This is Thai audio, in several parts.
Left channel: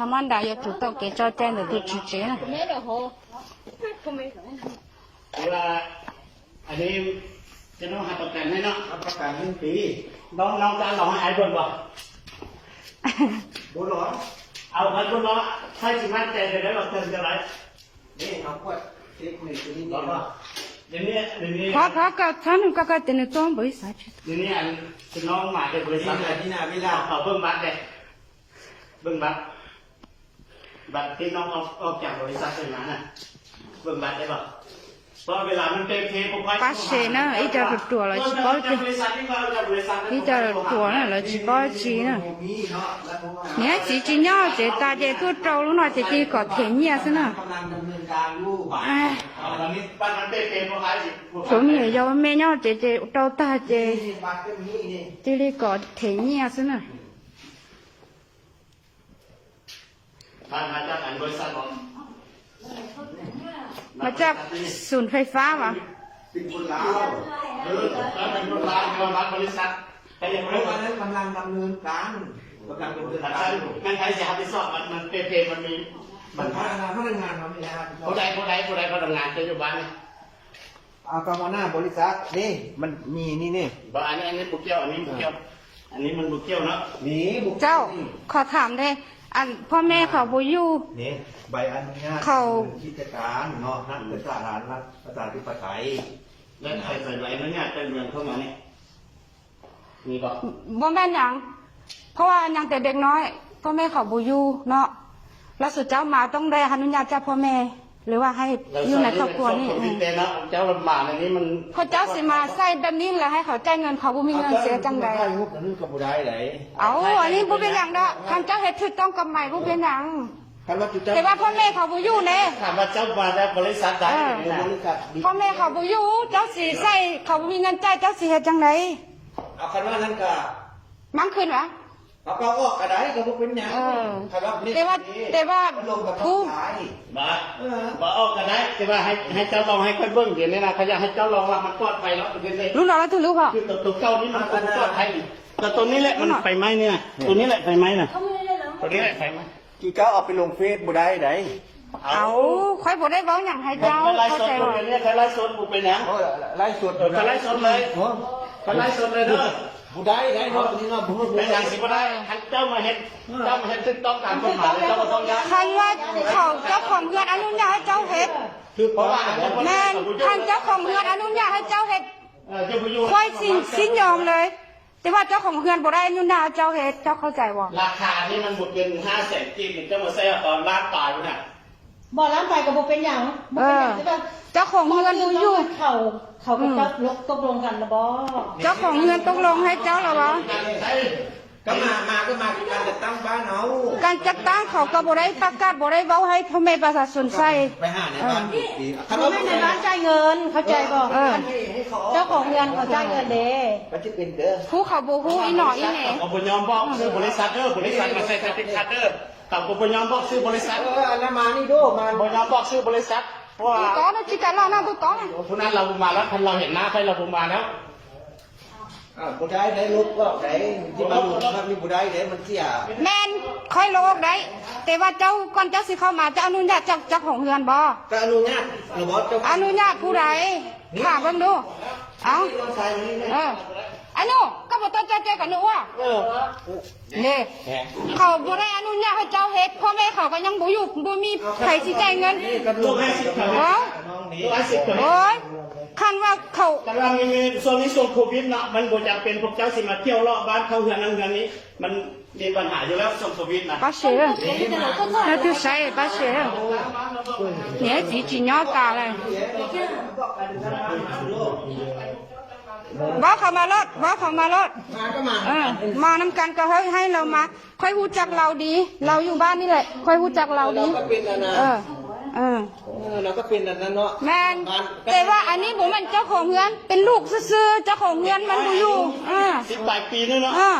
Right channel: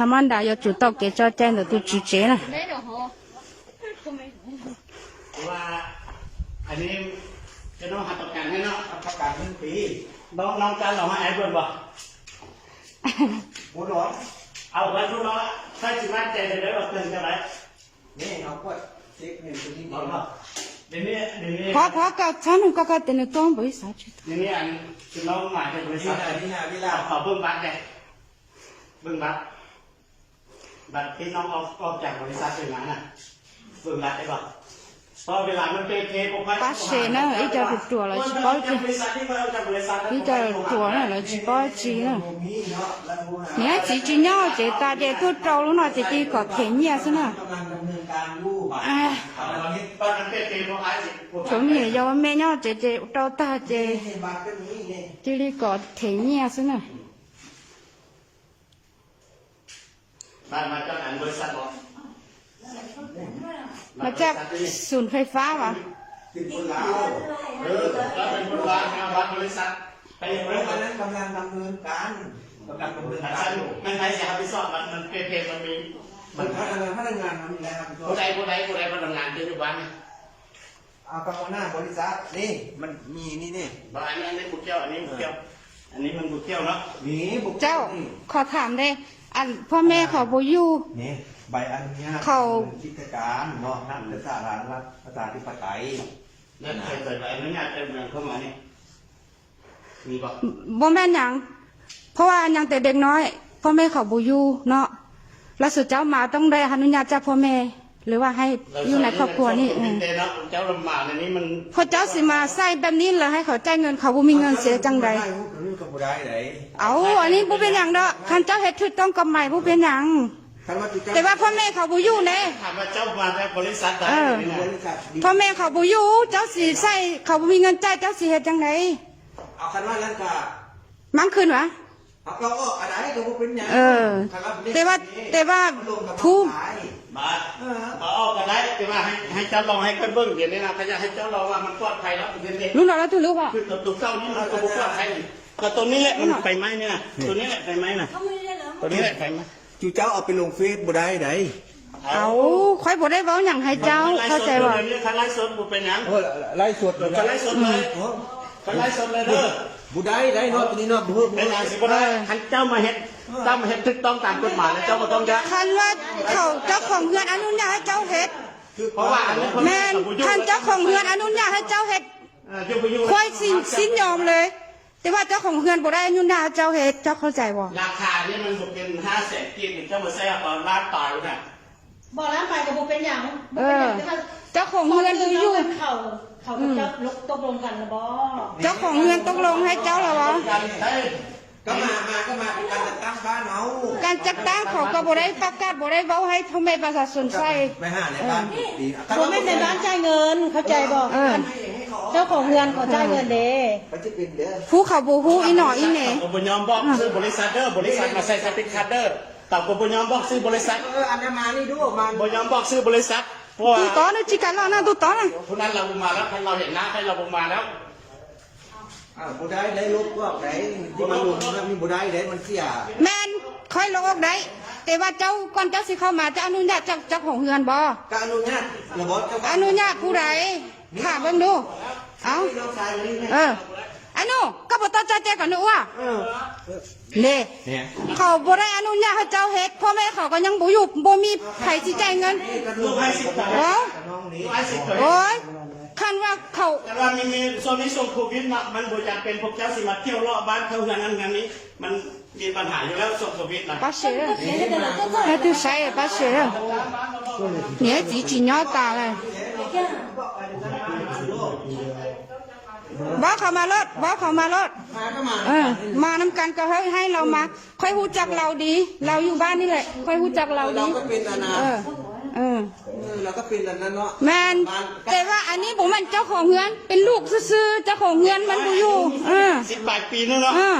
他们的要知道给这站的都直接了。 ว่าอันนี้จะต้องหักประกันให้เนาะ ประกันหนึ่งปี น้องน้องจะลองให้ไอ้เบิ่งบอก บุร้อน เอาไปพวกเราให้สิมั่นใจเลยแล้วเราเติมจะไร นี่เอาขวดเซ็กหนึ่งตัวนี้ บอก นี่ ว่าเดี๋ยวนี้เดี๋ยวนี้ 他他个他那个个等于装不啥去？ เดี๋ยวนี้อันคือน้องมาจากบริษัท นี่ อะไร นะนี่นะนี่ละ เขาเบิ่งบัตรเลยเบิ่งบัตร บัดพี่น้องออกออกจากบริษัทไปนานน่ะเบิ่งบัดได้บ่พอเวลามันเตะเทผมไป Passi nó ít cho được chùa là chỉ có chứ ý cho được chùa này là chỉ có chứ nè Nhá chỉ chỉ nhớ chỉ ta để tôi trâu lúc nào chỉ đi có thử nhé xin nè À Chỗ nhé do mẹ nhớ chỉ chỉ trâu ta chỉ Chỉ đi có thử nhé xin nè มามาจากอันบริษัทบอกมาจากศูนย์ไฟฟ้าวะเป็นคนลาวเออแล้วเป็นคนลาวมาบัดบริษัทไปอย่างไรวันนั้นกำลังดำเนินการกำลังดำเนินการมันใครจะรับผิดชอบมันมันเพเพมันมีมันพนักงานพนักงานเขามีแล้วผู้ใดผู้ใดผู้ใดพนักงานปัจจุบันนเอากำมหน้าบริษัทนี่มันมีนี่นี่บอันนี้อันนี้บุกเจ้าอันนี้บุกเจ้าอันนี้มันบุกเจ้าเนาะนี่บุกเจ้าขอถามได้ อันพ่อแม่เขาบ่อยู่ นี่ใบอนุญาตเขา กิจการเนาะท่านเป็นสถานรัฐประชาธิปไตยแล้วใครเปิดใบอนุญาตเป็นเมืองเข้ามานี่มีบอกบ่แม่นหยังเพราะว่ายังแต่เด็กน้อย พ่อแม่เขาบ่อยู่เนาะแล้วสุดเจ้ามาต้องได้อนุญาตจากพ่อแม่ หรือว่าให้เราอยู่ในครอบครัวนี่ชอบอืบิมนเตเนาะเจ้าลำบากในนี้มันพอเจ้าสิมาใส่แบบนี้แล้วให้เขาจ่ายเงินเขาบ่มีเงินเสียจังใดอันนี้ก็บ่ได้ไหนเอาอันนี้บ่เป็นหยังดอกคันเจ้าเฮ็ดถูกต้องกับใหม่บ่เป็นหยังถ้าเราจะแต่ว่าพ่อแม่เขาบ่อยู่แน่ถามว่าเจ้ามาได้บริษัทใดเออนี่นะบริษัทดีพ่อแม่เขาบ่อยู่เจ้าสิใส่เขาบ่มีเงินจ่ายเจ้าสิเฮ็ดจังไดเอาคันว่านั่นก็มันขึ้นวะเอาก็ออกกระไดก็บ่เป็นหยังเออครับนี่แต่ว่าแต่ว่ามันลงกับผู้ท้ายบาเออบาออกกันได้แต่ว่าให้ให้เจ้าลองให้ค่อยเบิ้งเดี๋ยวนี้นะเขาอยากให้เจ้าลองว่ามันปลอดภัยแล้วเดี๋ยวนี้รู้หรอว่าถูกหรือเปล่าคือตัวตัวเก้านี่มันตัวปลอดภัยแต่ตัวนี้แหละมันไฟไหม้เนี่ยตัวนี้แหละไฟไหม้น่ะตัวนี้แหละไฟไหม้จูเจ้าเอาไปลงเฟซบ่ได้ไหนเอาโอ้ค่อยบ่ได้เว้าหยังให้เจ้าไล่เข้าสดใจเลบ่ยเนี่ยเขาไล่สดบุเป็นหยังโอ้ไล่สดเออเขาไล่สดเลยโอ้เขาไล่สดเลยเด้อ บ่ได้ได้เนาะตัวนี้เนาะบ่ฮู้เป็นหยังสิบ่ได้คันเจ้ามาเห็นเจ้ามาเห็นถูกต้องตามกฎหมายแล้วเจ้าก็ต้องได้คันว่าเขาเจ้าของเฮือนอนุญาตให้เจ้าเฮ็ดคือเพราะว่าแม่นคันเจ้าของเฮือนอนุญาตให้เจ้าเฮ็ดเออเจ้าพยุงค่อยสินสินยอมเลย แต่ว่าเจ้าของเฮือนบ่ได้อนุญาตให้เจ้าเฮ็ดเจ้าเข้าใจบ่ราคานี่มันบุเป็นห้าแสนกินเจ้ามาใส่ตอนร้านต่อเนี่ย บ่ร้านไปกับบ่เป็นหยังบ่เป็นหยังแต่ว่าเจ้าของเฮือนบ่อยู่เขาเขากับเจ้าลกตกลงกันนะบ่เจ้าของเฮือนต้องลงให้เจ้าแล้วบ่การใช้ก็มามาก็มาที่การจัดตั้งบ้านเอาการจัดตั้งเขาก็บ่ได้ประกาศบ่ได้เว้าให้พ่อแม่ประชาชนใส่ไม่ห่าเนี่ยบ้านดีเขาไม่ในร้านจ่ายเงินเข้าใจบ่เออเจ้าของเรือนเขาจ่ายเงินเด้มันจะเป็นเด้อผู้เขาบ่ฮู้อีหนออีแหน่เอาบุญยอมบอกซื้อบริษัทเด้อบริษัทมาใส่สติกคัตเดอ ร์แต่กูบุญยอมบอกซื้อบริษัทเอออันนั้นมานี่ดูมาบุญยอมบอกซื้อบริษัทเพราะว่า tu tó nó chỉ cái lo nó tu tó này ผู้นั้นเราบุมาแล้วคันเราเห็นหน้าใครเราบุมาแล้วอ่าบ่ได้ได้ลบก็ได้ที่มันอยู่มันมีบ่ได้ได้มันเสีย men khói lô đấy cái ba châu con cháu sẽ không mà cho anh nhạt cho cho ของเงินบ่ก็อนุญาตระบบจะอนุญาตผู้ใดถามเบิ่งดูเอ้าน้องชายมานี่เลยเออไอันนู้นก็บ่ต้าเจ้ากันนูอะเนี่เนี่ยเขาบ่ได้อนุญาตให้เจ้าเฮ็ดพ่อแม่เขาก็ยังบ่อยู่บ่มีไครสิใจเงินลูกให้สิบต่อโอ้ลูให้สิบต่อคันว่าเขาแต่ว่ามีมีส่วนนี้ส่วนโควิดนะมันบ่จะเป็นพวกเจ้าสิมาเที่ยวรอบบ้านเขาเฮือนนั้นเฮืนนี้ มันมีปัญหาอยู่แล้วส่วนโควิดนะป้าเสือเขาคือใช่ป้าเสือเนี่ยจีจีเนาะตาเลย บ่เขามารถบ่เขามารถมาก็มาเออมานำกันก็ให้ให้เรามา ค่อยรู้จักเราดี เราอยู่บ้านนี่แหละ ค่อยรู้จักเราดี ก็เป็นอันนั้นเออ เออ เออเราก็เป็นอันนั้นเนาะแมนแต่ว่าอันนี้ผมมันเจ้าของเงินเป็นลูกซื่อๆเจ้าของเงินมันบ่อยู่เออสิบแปดปีนึงเนาะเออ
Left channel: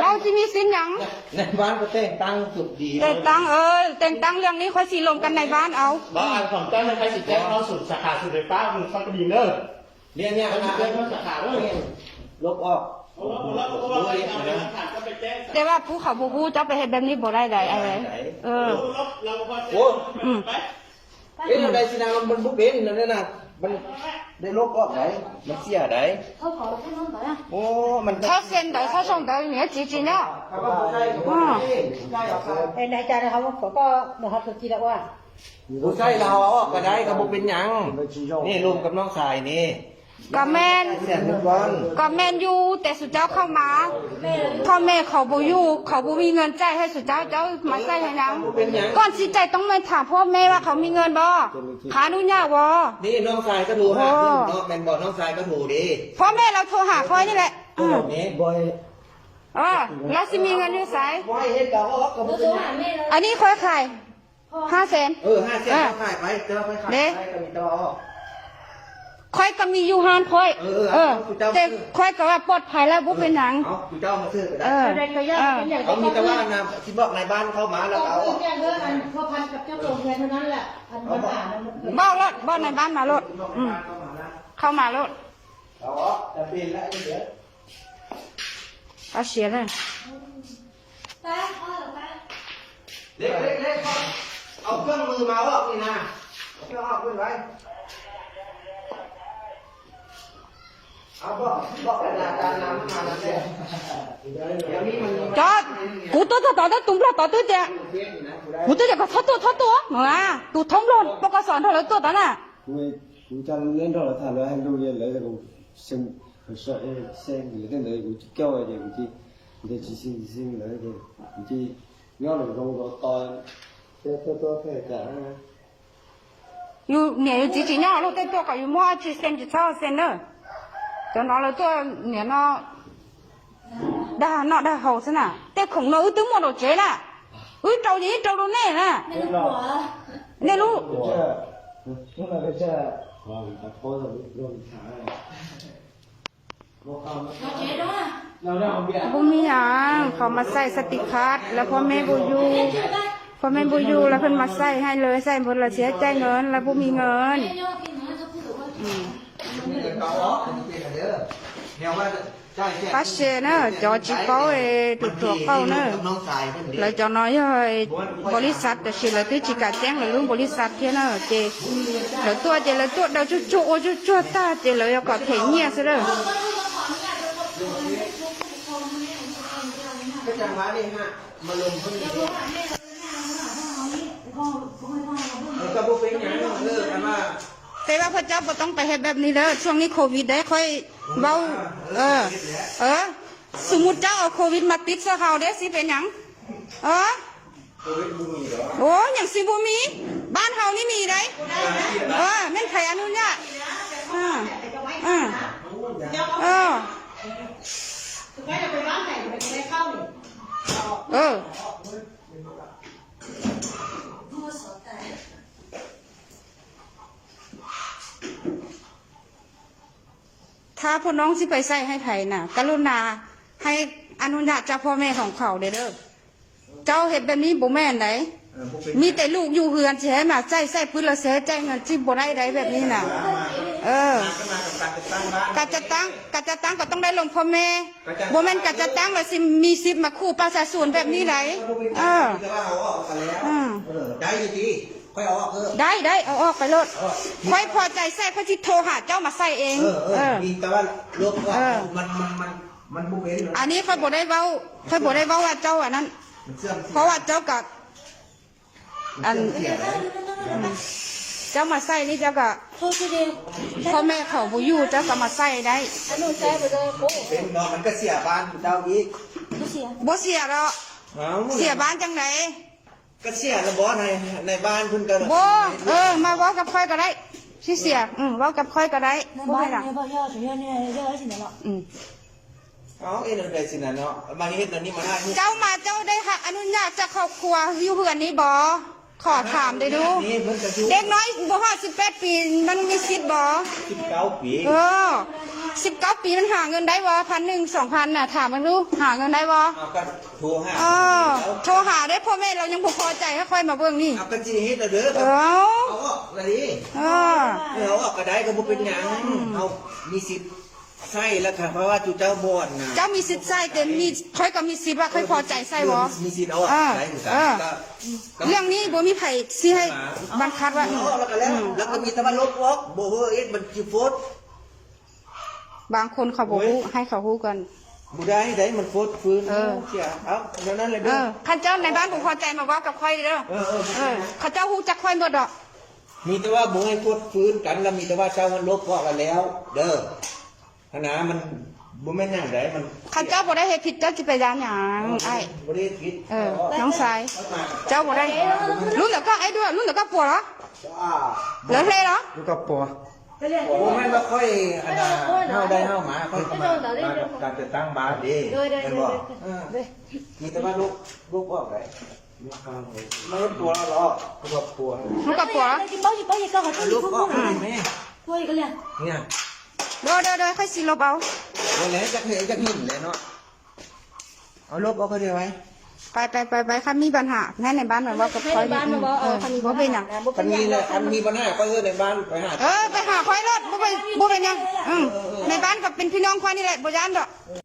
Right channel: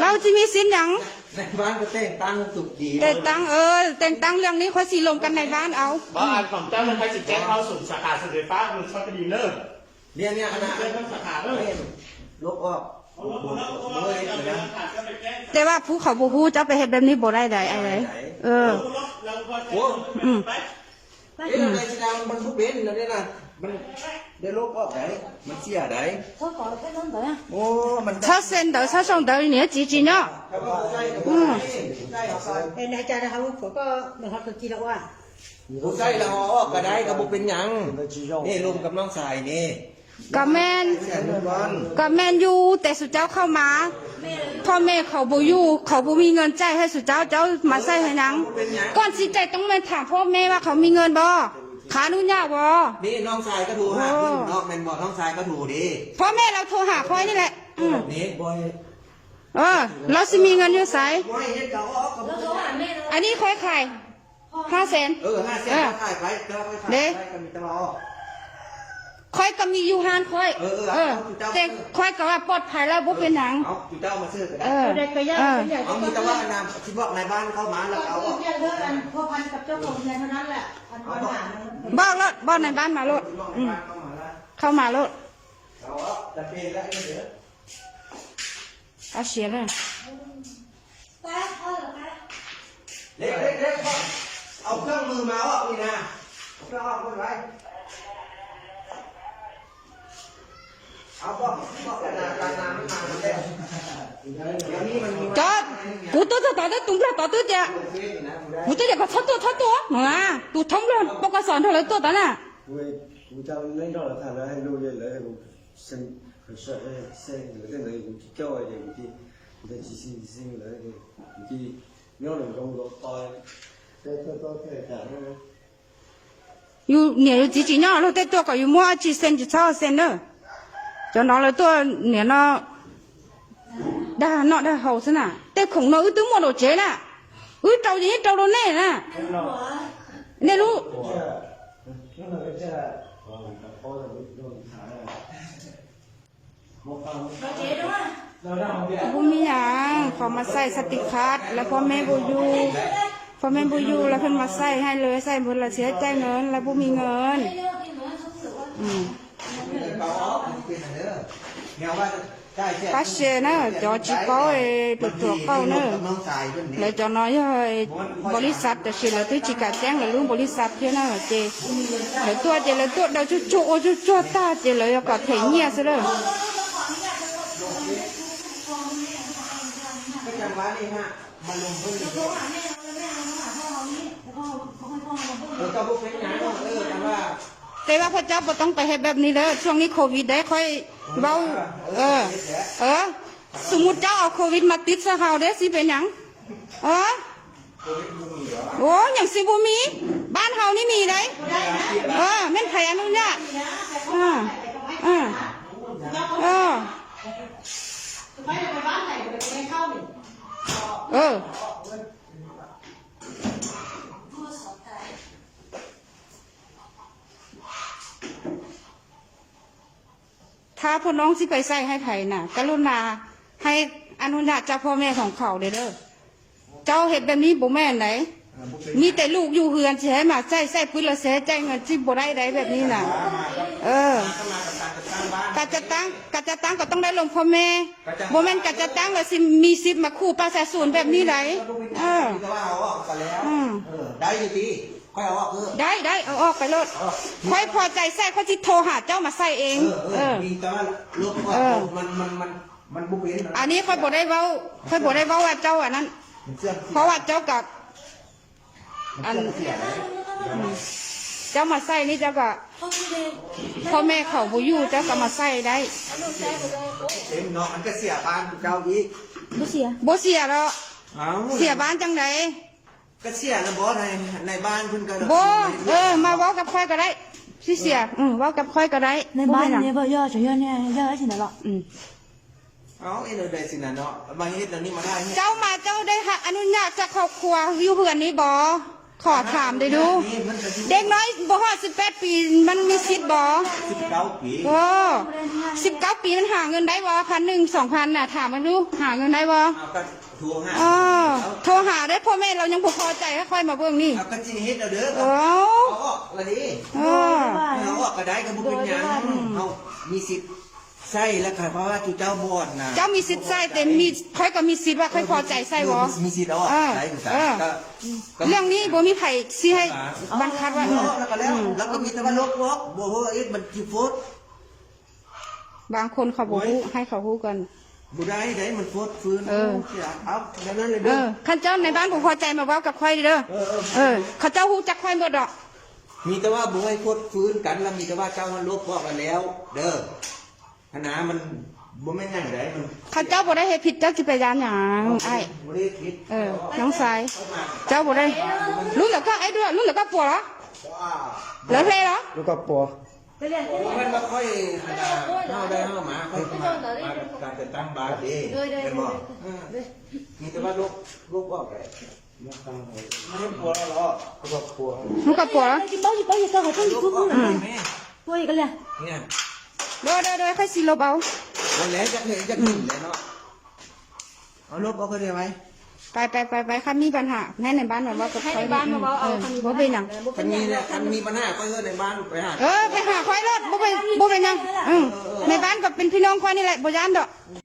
เราจะมีสินหยังในบ้านก็แต่งตั้งสุขดีแต่งตั้งเออแต่งตั้งเรื่องนี้ค่อยสิลงกันในบ้านเอาบ่อ่านของเจ้าเลยใครสิแจ้งเขาสุดสาขาสุดไฟฟ้ามันฟังก็ดีเลิก เนี่ยเนี่ยอันนั้นลบออกแต่ว่าผู้ขาบูผู้จะไปเห็นแบบนี้บ่ได้ใดไอ้เออโอ้เอ๊ะอะไรสินะมันมันบุเบนนั่นนี่นะมันได้ลบออกไหนมันเสียไหนโอ้มันถ้าเส้นเดาถ้าส่งเดาเนี่ยจีจีเนาะอ๋อไอ้นายจ่านะครับว่าผมก็มาฮอตกีแล้วว่าผู้ใช่เราเาออกก็ได้กับบุเป็นยังนี่รวมกับน้องชายนี่ ก็แม่นผู้ใหญ่ทุกวันก็แม่นอยู่แต่สุเจ้าเข้ามาพ่อแม่เขาบ่อยู่เขาบ่มีเงินจ่ายให้สุเจ้าเจ้ามาใส่ให้หยังก่อนที่จะต้องมาถามพ่อแม่ว่าเขามีเงินบ่ขออนุญาตบ่นี่น้องชายก็ถูกหาขึ้นน้องแมนบอกน้องชายก็ถูกดีพ่อแม่เราโทรหาค่อยนี่แหละอืมนี่บอยเออเราสิมีเงินอยู่ไสบอยเฮ็ดกับออกกับอันนี้ค่อยขายห้าแสนเออห้าเส้นขายไปเจ้าไปขายไปกันเจ้าออก ค่อยก็มีอยู่หานค่อย เออเออเออเจ้าแต่ค่อยก็ว่าปลอดภัยแล้วบ่เป็นหยังเอาเจ้ามาซื้อก็ได้เออเด็กก็ยากเป็นอย่างเอามีแต่ว่านะที่บอกในบ้านเข้ามาแล้วก็เอาคือแจ้งเรื่องอันพอพันกับเจ้าของเงินเท่านั้นแหละอันปัญหามันบ้านรถบ้านในบ้านมารถอืมเข้ามาแล้วเข้ามารถเอาจะเป็นแล้วเดี๋ยวเอาเสียเลยเด็กเด็กเด็กเอาเครื่องมือมาออกนี่นะเอาเครื่องออกไว้เอาบอกบอกขนาดการน้ำมันมาแล้ว chết. Cú tớ tao tao đấy tung ra tao tớ chè cú tớ chè có thắt tua thắt tua hả tụ thông luôn bao cái sòn thôi lấy tua tao nè cú cú tao lên đó là thằng lấy anh lưu lên lấy cú xem sợ xem lấy tên đấy cú kêu vậy cú đi cú ta chỉ xin xin lấy cái, cú đi nhớ là không có toi tôi tôi tôi phải trả yêu nhảy chỉ chỉ nhớ là tôi tôi có yêu mua chỉ xem chỉ sao xem nữa cho nó là tôi nếu nó đã nó đã hầu thế nào ta không nó tướng mua đồ chế là ứ trâu gì trâu đồ này nè nè lu พวกนี้อะขอมาใส่สติคัสแล้วพ่อแม่บูยูพ่อแม่บูยูแล้วเพิ่นมาใส่ให้เลยใส่หมดละเสียใจเงินแล้วบูมีเงินอืม มีแต่เอาออกเทียนเด้อแนวว่าได้แค่ปัสเชเนอะจอจิเป้าเอตุกตัวเป้าเนอะน้องชายเป็นแล้วจอน้อยเอ้ยบริษัทแต่สิแล้วที่จิกาแจ้งแล้วลุงบริษัทเท่านั้นเจแล้วตัวเจแล้วตัวเดาจุจุโอจุจุตาเจแล้วก็ถึงเนี่ยซะเลยก็จังหวะนี้ฮะมาลงพื้นที่แล้วก็บุกเป็นอย่างนั้นเลิกกันว่าแต่ว่าพระเจ้าบ่ต้องไปเฮ็ดแบบนี้เด้อช่วงนี้โควิดได้ค่อย เบาเออ เออ สมมุติเจ้าเอาโควิดมาติดซะเขาเด้อสิเป็นหยังเออโอ้ยอย่างสิบ่มี บ้านเฮานี่มีเลยเออแม่นไผอนุญาตอ่าอ่าเออไปไปบ้านไหนไปไปเข้าเออ ถ้าพ่อน้องสิไปใส่ให้ไผน่ะ กรุณาให้อนุญาตจากพ่อแม่ของเขาเด้อเด้อเจ้าเห็ดแบบนี้บ่แม่นไหนมีแต่ลูกอยู่เฮือนแช้มาใส่ใส่พื้นละแช้ใจเงินที่บ่ได้ไดแบบนี้น่ะ เออกะจะตั้งกะจะตั้งก็ต้องได้ลงพ่อแม่บ่แม่นกะจะตั้งแล้วสิมีสิทธิ์มาคู่ประชาชนแบบนี้ไหนเออว่าเอาไปแล้วอืมเออได้ดีๆ ค่อยเอาออกเออได้ได้เอาออกไปโลดค่อยพอใจใส่ค่อยที่โทรหาเจ้ามาใส่เอง เออเอเอออมีแต่ว่าลบก็เออมันมันมันมันบุกเป็นอันนี้ค่อยบ่ได้เว้าค่อยบ่ได้เว้าว่าเจ้าอันนั้นมันเชื่อมเพราะว่าเจ้ากับอันอืมเจ้ามาใส่นี่เจ้าก็พ่อแม่เขาบ่อยู่เจ้าก็มาใส่ได้เป็นเนาะมันก็เสียบ้านเจ้าอีกบ่เสียบ่เสียดอกเอาเสียบ้านจังได ก็เสียนะบอสในในบ้านคุณก็โบเออมาเว้ากับค่อยก็ได้ชื่อเสียกอืมเว้ากับค่อยก็ได้ในบ่บ้านเนไรเนี่ยบ่ย่อฉันย่อเนี่ยย่อฉันน่ะอืมอาอเอาใจสินะเนาะมาเฮ็ดอันนี้มาได้เจ้ามาเจ้าได้ค่ะอนุญาตจะกครอบครัวอยู่เฮือนนี้บ่ขอถามได้ดูเด็กน้อยบ่เด็กน้บแปดปีมันมีสิทธิ์บ่สิบเก้าปี เออ 19ปีมันหาเงินได้บ่พันหนึ่งสองพันน่ะถามมันดูหาเงินได้บ่เอาก็ทวงให้เออโทรหาได้พ่อแม่เรายังบ่พอใจก็ค่อยมาเบิ่งนี่เอาก็สิเฮ็ดเอาเด้อเอเอาอออกละดิเออเอาออกก็ได้ก็บ่เป็นหยังเอามีสิทธิ์ใช่แล้วค่ะเพราะว่าจุเจ้าบอนนะเจ้ามีสิทธิ์ใส่แต่มีค่อยก็มีสิทธิ์ว่าค่อยพอใจใส่บ่มีสิทธิ์เอาเออะอใช่ถูกเออเรื่องนี้บ่มีไผสิให้บังคับว่าอืมแล้วก็แล้วแล้วก็มีแต่ว่าลบวอกบ่ว่าเอ็ดมันจิโฟด บางคนเขาบ่ฮู้ให้เขาฮู้กันบุได้ได้มันโฟดฟื้นเออเสียเอาเดี๋ยวนั้นเลยเอเด้ออท่านเจ้าในบ้านบ่พอใจมาเว้ากับค่อยเด้อเออเออเออเขาเจ้าฮู้จักค่อยบ่ดอก มีแต่ว่าบ่ให้โฟดฟื้นกันแล้วมีแต่ว่าเจ้ามันลบวอกกันแล้ว เด้อขนามันบ่แม่นนั่นได้มันเขาเจ้าบ่ได้เฮ็ดผิดเจ้าสิไปยามหยังไอ้บ่ได้ผิดเออน้องชายเจ้าบ่ได้รู้เหรอก็ไอ้ด้วยรู้เหรอก็ปัวเหรอว้าเหลือเฮเหรอลูกกับปัว จะเม่โอ้มันบ่ค่อยขนาดเาได้เฮาหมาเขาการจะตั้งบาดีโดยโดยโดยโดยที่ตัวลูกลูกออกได้ม่นปัวหรอก็บ่ปัวมันก็ปัวบ่อยู่บ่อยู่ก็เห้ลูกออกแม่ปัวอีกแล้วเนี่ยโดยโดยโดยค่อยสิลบเอาเลยจักเห็นจักหนึ่งเลยเนาะเอาลบเอาก็ได้ไว้ ไปไปไปไปคันมีปัญหาแน่ในบ้านแบบว่ากับค่อยบ้านมาบอกเอาคันบ่เป็นหยังคันมีเลยคันมีปัญหาก็คือในบ้านไปหาเออไปหาค่อยรถบ่ไปบ่เป็นหยังอืมในบ้านก็เป็นพี่น้องค่อยนี่แหละบ่ย่านดอก